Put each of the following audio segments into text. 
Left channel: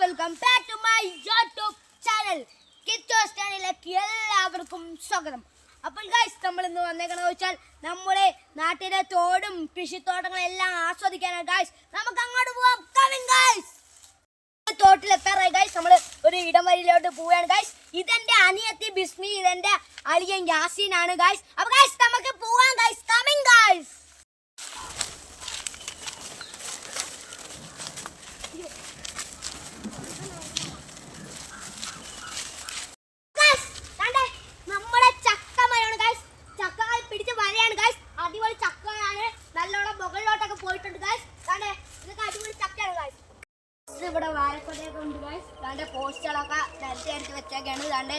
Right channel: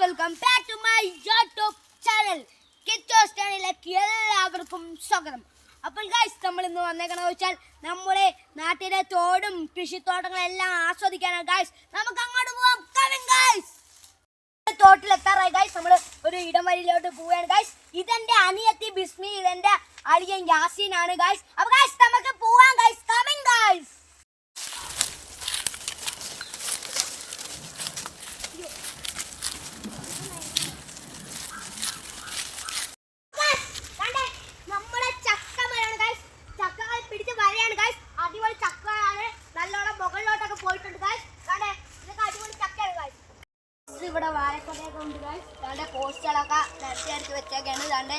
Welcome back to my YouTube channel കിറ്റോസ് ചാനലിലേക്ക് എല്ലാവർക്കും സ്വാഗതം. അപ്പോൾ ഗൈസ് നമ്മൾ ഇന്ന് വന്നേക്കണെന്ന് വെച്ചാൽ നമ്മുടെ നാട്ടിലെ തോടും കൃഷിത്തോട്ടങ്ങളും എല്ലാം ആസ്വദിക്കാനാണ്. ഗൈസ് നമുക്ക് അങ്ങോട്ട് പോവാം. കമിങ് ഗൈസ് തോട്ടിലെത്താറായി ഗൈസ് നമ്മൾ ഒരു ഇടം വരിയിലോട്ട് പോവുകയാണ്. ഗൈസ് ഇതെന്റെ അനിയത്തി ബിസ്മി ഇതെന്റെ അളിയൻ യാസീൻ ആണ് ഗൈസ് അപ്പൊ ഗൈസ് നമുക്ക് പോവാം ഗൈസ് കമിങ് ഗൈസ് Guys, കണ്ടേ? നമ്മുടെ ചക്ക മരമാണ് ഗൈസ് ചക്കകൾ പിടിച്ച് വരയാണ് ഗൈസ് അടിപൊളി ചക്കയാണ് നല്ലോണം മുകളിലോട്ടൊക്കെ പോയിട്ടുണ്ട് ഗൈസ് കണ്ടേ ഇതൊക്കെ അടിപൊളി ചക്കയാണ് ഗൈസ് ഇത് ഇവിടെ വാഴക്കൊലയൊക്കെ ഉണ്ട് ഗൈസ് കണ്ടേ പോസ്റ്റുകളൊക്കെ നിരത്തി അടിച്ച് വെച്ചൊക്കെയാണ്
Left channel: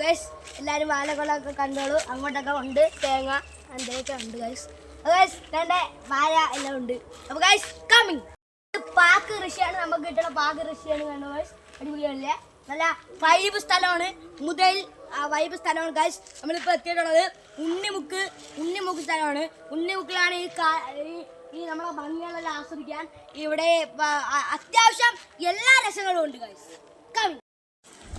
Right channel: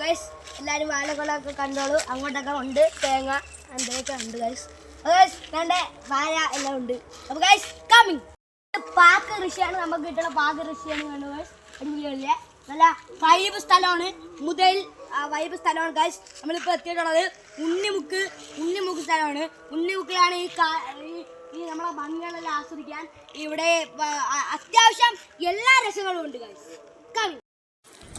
ഗൈസ് എല്ലാവരും വാഴക്കൊലൊക്കെ കണ്ടോളൂ. അങ്ങോട്ടൊക്കെ ഉണ്ട് തേങ്ങ എന്തൊക്കെ ഉണ്ട് ഗൈസ് ഗൈസ് കണ്ടേ വാഴ എല്ലാം ഉണ്ട്. അപ്പൊ ഗൈസ് കമ്മിങ് പാക്ക് കൃഷിയാണ്. നമുക്ക് കിട്ടുന്ന പാക്ക് കൃഷിയാണ് കണ്ടു ഗൈസ് അടിപൊളിയല്ലേ? നല്ല വൈബ് സ്ഥലമാണ്. മുതൽ വൈബ് സ്ഥലമാണ് ഗൈസ് നമ്മളിപ്പോൾ എത്തിയിട്ടുള്ളത് ഉണ്ണിമുക്ക് ഉണ്ണിമുക്ക് സ്ഥലമാണ്. ഉണ്ണിമുക്കിലാണ് ഈ ഈ- നമ്മളെ ഭംഗികളെല്ലാം ആസ്വദിക്കാൻ ഇവിടെ അത്യാവശ്യം എല്ലാ രസങ്ങളും ഉണ്ട് ഗൈസ് കവി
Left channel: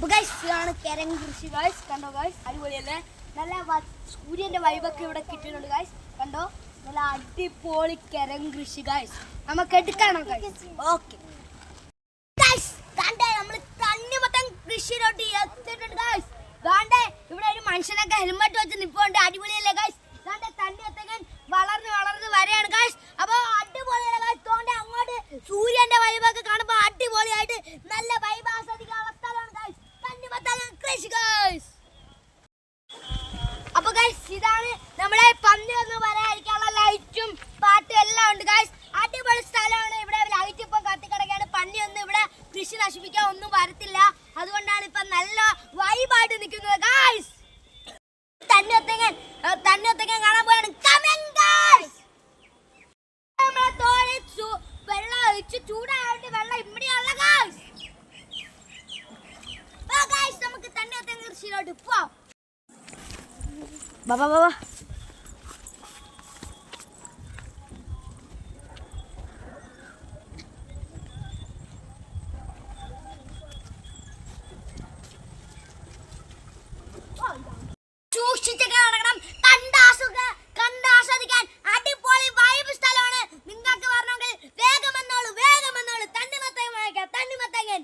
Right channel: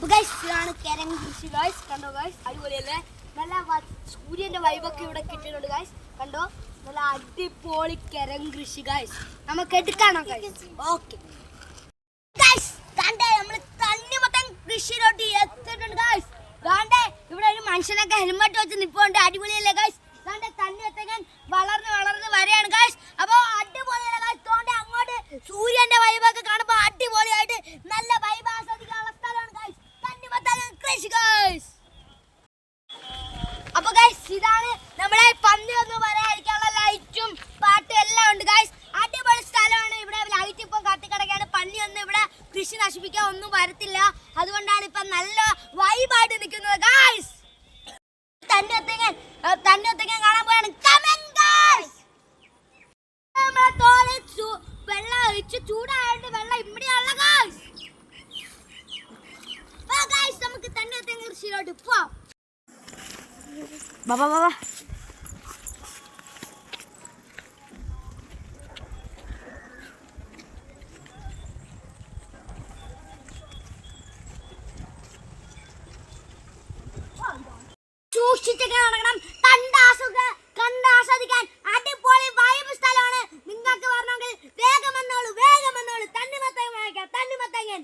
ഗൈസ് ഇതാണ് കിരങ് കൃഷി ഗൈസ് കണ്ടോ ഗൈസ് അടിപൊളിയല്ലേ? നല്ല സൂര്യന്റെ വൈബൊക്കെ ഇവിടെ കിട്ടുന്നുണ്ട് ഗൈസ് കണ്ടോ? നല്ല അടിപൊളി കിരങ് കൃഷി ഗൈസ് നമുക്ക് എടുക്കാണോ ഗൈസ് ഓക്കെ ഗൈസ് ദാണ്ടെ നമ്മൾ തണ്ണിമത്തൻ കൃഷിയിലോട്ട് എത്തിയിട്ടുണ്ട് ഗൈസ് ദാണ്ടെ ഇവിടെ ഒരു മനുഷ്യനൊക്കെ ഹെൽമെറ്റ് വെച്ച് നിൽപ്പുണ്ട് അടിപൊളിയല്ലേ ഗൈസ് ദാണ്ടെ തണ്ണിമത്തൻ വളർന്ന് വളർന്ന് വരെയാണ് ഗൈസ് അപ്പൊ അടിപൊളിയല്ലേ ഗൈസ് തോണ്ടെ അങ്ങോട്ട് സൂര്യന്റെ വൈബൊക്കെ കാണുമ്പോൾ അടിപൊളിയായിട്ട് നല്ല വൈബ് ആസ്വദിക്കാനുള്ള സ്ഥലമാണ് ഗൈസ് തണ്ണിമത്തൻ കൃഷി ഗൈസ് അപ്പൊ ഗൈസ് ഇതാണ് നമ്മളെ പന്നി ഒന്ന് പറയാതിരിക്കാനുള്ള ലൈറ്റും പാട്ടും എല്ലാം ഉണ്ട് ഗൈസ് അടിപൊളി സ്ഥലമാണ് ഇവിടെ ലൈറ്റ് ഇപ്പൊ കത്തിക്കിടക്കാണ് പന്നി ഒന്നും ഇവിടെ കൃഷി നശിപ്പിക്കാൻ ഒന്നും വരത്തില്ല അതുകൊണ്ടാണ് ഇപ്പൊ നല്ല വൈബായിട്ട് നിൽക്കുന്നത് ഗൈസ് തന്നെ ഒത്തങ്ങൻ തന്നെ കാണാൻ പോയാണ്. Coming, guys. നമ്മളെ തോളിൽ ചൂ- വെള്ളം ഒഴിച്ച് ചൂടായിട്ട് വെള്ളം ഇമ്മടിയുള്ള നമുക്ക് തന്നെ കൃഷിയിലോട്ട് പോവാം. ബാബാ ബാബാ സൂക്ഷിച്ചൊക്കെ കണ്ടാസ്വദിക്കാൻ അടിപൊളി വൈബ് സ്ഥലമാണ്. നിങ്ങൾക്ക് വരണമെങ്കിൽ വേഗം എന്നോളൂ വേഗം എന്നോളൂ തണ്ണിമത്തങ്ങൻ വാങ്ങിക്കാം തണ്ണിമത്തങ്ങൻ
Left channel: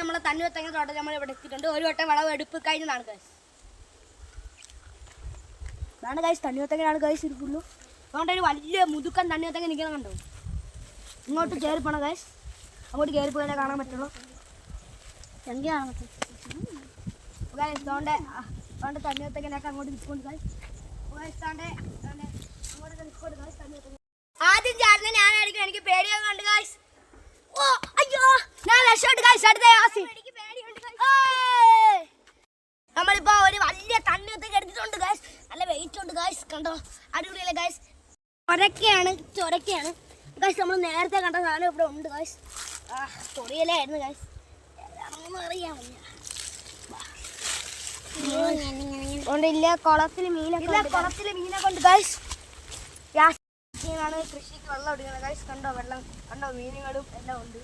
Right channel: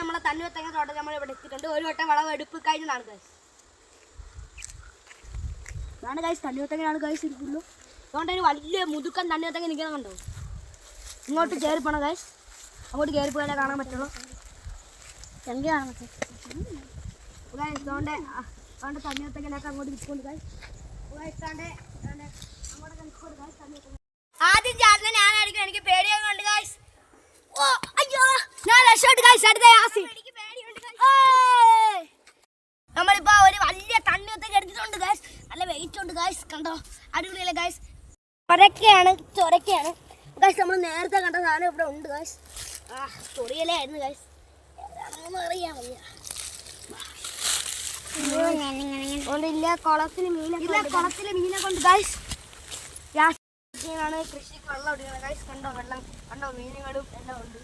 നമ്മളെ തണ്ണിമത്തങ്ങ തോട്ടം. നമ്മൾ ഇവിടെ എത്തിയിട്ടുണ്ട്. ഒരു വട്ടം വളവ് എടുപ്പ് കഴിഞ്ഞതാണ് ഇതാണ് ഗൈസ് തണ്ണിമത്തങ്ങനാണ് ഗൈസ് ഇരിക്കുള്ളൂ അതുകൊണ്ട് ഒരു വലിയ മുതുക്കൻ തണ്ണിമത്തങ്ങ നിൽക്കുന്ന കണ്ടോ? ഇങ്ങോട്ട് കയറി പോണം ഗൈസ് അങ്ങോട്ട് കയറി പോയാലേ കാണാൻ പറ്റുള്ളൂ. എങ്കിൽ കാണാൻ പറ്റും ഗൈസ് അതുകൊണ്ട് അതുകൊണ്ട് തണ്ണിമത്തങ്ങനൊക്കെ അങ്ങോട്ട് നിൽക്കുന്നുണ്ട് ഗൈസ് നിൽക്കുന്നുണ്ട് ഗൈസ് ആദ്യം ചാടുന്ന ഞാനായിരിക്കും എനിക്ക് പേടിയൊക്കെ ഉണ്ട് ഗൈസ് ഓ അയ്യോ ഞാൻ രക്ഷപ്പെട്ട് ഗൈസ് അടുത്ത. നമ്മളിപ്പോ ഒരു വലിയ തണ്ണിയൊക്കെ എടുത്തിട്ടുണ്ട് ഗൈസ് നല്ല ഗായ്സ് കണ്ടോ? അടിപൊളിയല്ലേ ഗായ്സ് ചൊരക്കയാണ് ചൊരക്കയാണ്. ഗായ്സ് നമ്മൾ നേരത്തെ കണ്ട സാധനം ഇവിടെ ഉണ്ട് ഗായ്സ് ആ ചൊറിയലേ ആയിരുന്നു ഏതാണെന്ന് അറിയാൻ വയ്യ. ഇല്ല കുളത്തിൽ മീനൊക്കെ കുളത്തിൽ മീനൊക്കെ ഉണ്ട് ഗായ്സ് ാണ് കൃഷിക്ക് വെള്ളം ഒടിക്കുന്നത് ഗായ്സ് കണ്ടോ വെള്ളം. കണ്ടോ മീനുകളും എല്ലാം ഉണ്ട്.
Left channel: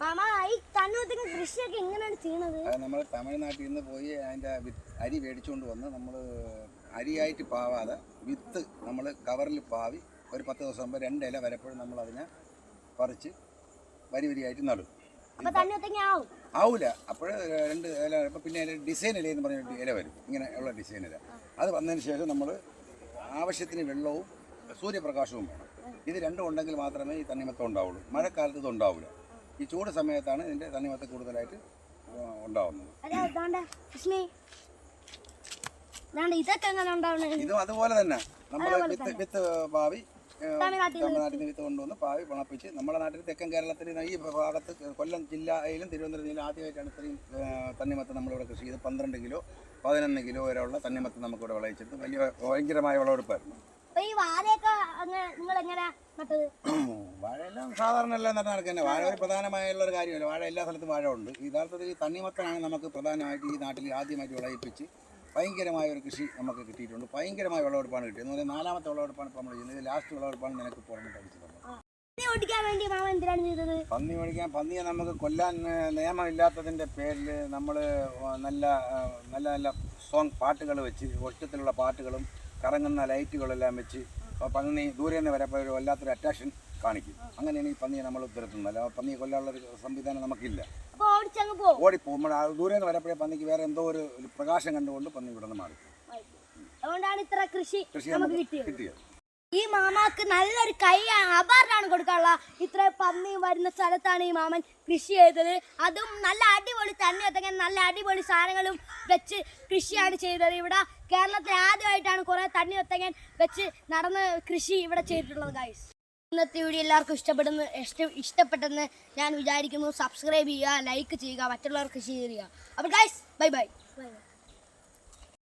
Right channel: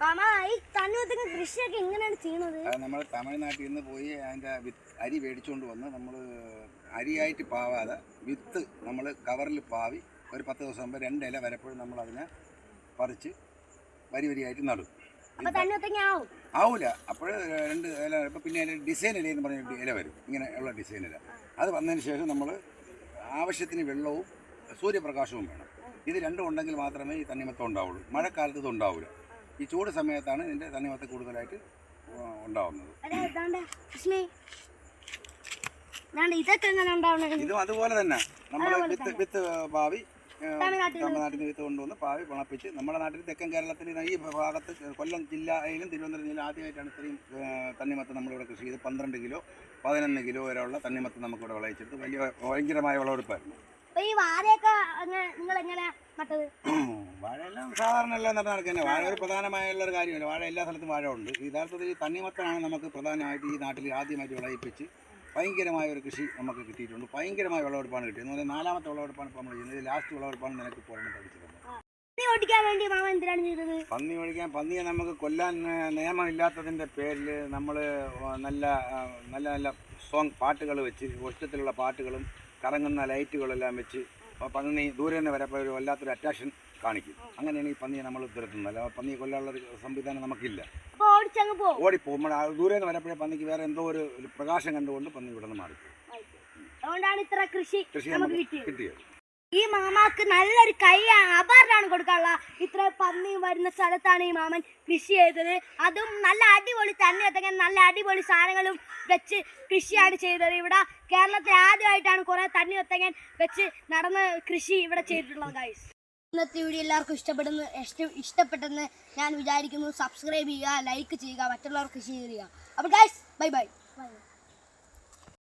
മാമാ ഈ തണ്ണൂത്തിന് കൃഷിയൊക്കെ എങ്ങനെയാണ് ചെയ്യണത്? അത് നമ്മൾ തമിഴ്നാട്ടിൽ നിന്ന് പോയി അതിന്റെ അരി മേടിച്ചുകൊണ്ട് വന്ന് നമ്മൾ അരിയായിട്ട് പാവാതെ വിത്ത് നമ്മൾ കവറിൽ പാവി ഒരു പത്ത് ദിവസം മുമ്പ് രണ്ട് ഇല വരപ്പോഴും നമ്മൾ അതിനെ പറിച്ച് വരി വരിയായിട്ട് നടും. അപ്പൊ തണ്ണൂത്തങ്ങ ആവും. ആവൂല. അപ്പോൾ രണ്ട് ഇല ഇപ്പം പിന്നെ അതിൽ ഡിസൈൻ ഇല എന്ന് പറഞ്ഞ ഇല വരും. ഇങ്ങനെ ഉള്ള ഡിസൈൻ ഇല. അത് വന്നതിന് ശേഷം നമ്മൾ ആവശ്യത്തിന് വെള്ളവും സൂര്യപ്രകാശവും വേണം. ഇത് രണ്ടും ഉണ്ടെങ്കിൽ മാത്രമേ ഈ തണ്ണിമത്തം ഉണ്ടാവുള്ളൂ. മഴക്കാലത്ത് ഇത് ഉണ്ടാവില്ല ഈ ചൂട് സമയത്താണ് ഇതിന്റെ തണ്ണിമത്ത കൂടുതലായിട്ട് ഉണ്ടാവുന്നത്. ഇതും അതുപോലെ തന്നെ. നമ്മൾ വിത്ത് വിത്ത് പാവി ഏ, തമിഴ്നാട്ടിൽ നിന്ന് വിത്ത്. കൊണ്ടുവന്ന് പാവി പണപ്പിച്ച് നമ്മുടെ നാട്ടിൽ തെക്കൻ കേരളത്തിൽ ഈ ഭാഗത്ത് കൊല്ലം ജില്ലയിലും തിരുവനന്തപുരം ജില്ല ആദ്യമായിട്ടാണ് ഇത്രയും തണ്ണിമത്ത് തണ്ണിമത്തം നമ്മളിവിടെ കൃഷി ചെയ്ത് പന്ത്രണ്ട് കിലോ പതിനൊന്ന് കിലോ വരെയുള്ള തണ്ണിമത്തം നമുക്കിവിടെ വിളയിച്ചെടുത്ത് വലിയ ഭയങ്കരമായ വിളവെടുപ്പായിരുന്നു. അപ്പൊ ഈ വാഴയൊക്കെ നിങ്ങൾ എങ്ങനെയാ നട്ടത്? വാഴയെല്ലാം സാധാരണ എല്ലാം നട്ട് നടക്കുന്നത് വാഴ ഒരു പ്രധാനമായുള്ള ഒരു കാര്യമല്ല. വാഴ എല്ലാ സ്ഥലത്തും വാഴ ഉണ്ട് യഥാർത്ഥത്തിൽ ഈ തണ്ണിമത്തനാണ് നമുക്ക് പ്രധാനമായിട്ട് ഈ നാട്ടിൽ ആദ്യമായിട്ട് വിളയിപ്പിച്ച് ഭയങ്കരമായ ഒരു കൃഷി നമുക്ക് കിട്ടിയിട്ടുണ്ട്. ഭയങ്കരമായ വിളവെടുപ്പാണ് കിട്ടിയത്. എന്ന് പറഞ്ഞാൽ നാലാമത്തെ വിളവെടുപ്പാണ് ഇപ്പോൾ നമ്മൾ ചെയ്യുന്നത്. ലാസ്റ്റ് വിളവെടുപ്പാണ് നിനക്ക് പുറമെ പഠിച്ചത് പന്നി ഓടിക്കാൻ പന്നിയെ നമുക്ക് കൊല്ലാൻ നിയമമില്ലാത്തതിന്റെ നിയമമില്ലാത്തതിന്റെ പേരിൽ നമ്മൾ നല്ല നല്ല നല്ല സോങ് പാട്ടുകൾ വെച്ച് ഒറ്റത്തിലുള്ള പാട്ടുകളും കറങ്ങുന്ന ലൈറ്റുകളെല്ലാം വെച്ച് പന്നി ദൂരെ നിന്ന് വരപ്പോൾ ഒരു വല്ലാത്തൊരു അറ്റാക്ഷൻ കാണിക്കും. അങ്ങനെയാണ് ഈ പന്നിയെ നമ്മൾ തുരത്തുന്നത് അല്ല പന്നിയെ കൊല്ലാനുള്ള ഒരു സംവിധാനം നമുക്കില്ല. ഓടിപ്പോ നമ്മൾ ദൂരെ നിന്ന് വരപ്പോഴേ പന്നിക്ക് വേറെ എന്തോ ഒരു പ്രകാശം കണ്ടുകൊണ്ട് പന്നി ഇവിടെ നിന്ന് മാറി. അതുകൊണ്ടാണ് ഇത്ര കൃഷി കിട്ടിയത്. ഈ മാമാക്ക് നല്ലൊരു കൈ അവാർഡാണ് കൊടുക്കാനുള്ള. ഇത്ര പന്നി വരുന്ന സ്ഥലത്താണ് ഈ മാമൻ കൃഷി ചെയ്തത്. അതും നല്ല അടിപൊളി തന്നെ എത്തങ്ങനെ നല്ല അടിപൊളി സാധനങ്ങളും വെച്ച് കൃഷിയാണ് ചെയ്തത്. ഇവിടെ കേരളത്തിൽ ആദ്യമായിട്ടാണ് കുറെ തണ്ണി ഒത്തങ്ങൻ വെച്ച് നടന്ന കൃഷി ഇവിടെ ചെയ്തിട്ടുള്ളത് ഗൈസ് ഇന്നത്തെ വീഡിയോ എല്ലാവർക്കും ഇഷ്ടപ്പെടുന്നു ഇഷ്ടം ഇഷ്ടപ്പെട്ടെന്ന് ഞാൻ വിചാരിക്കുന്നു. സബ്സ്ക്രൈബ് ചെയ്യുക ലൈക്ക് ചെയ്യുക മറ്റുള്ളവർക്ക് ഷെയർ ചെയ്യുക. അപ്പോൾ ഗൈസ് ബൈ ബൈ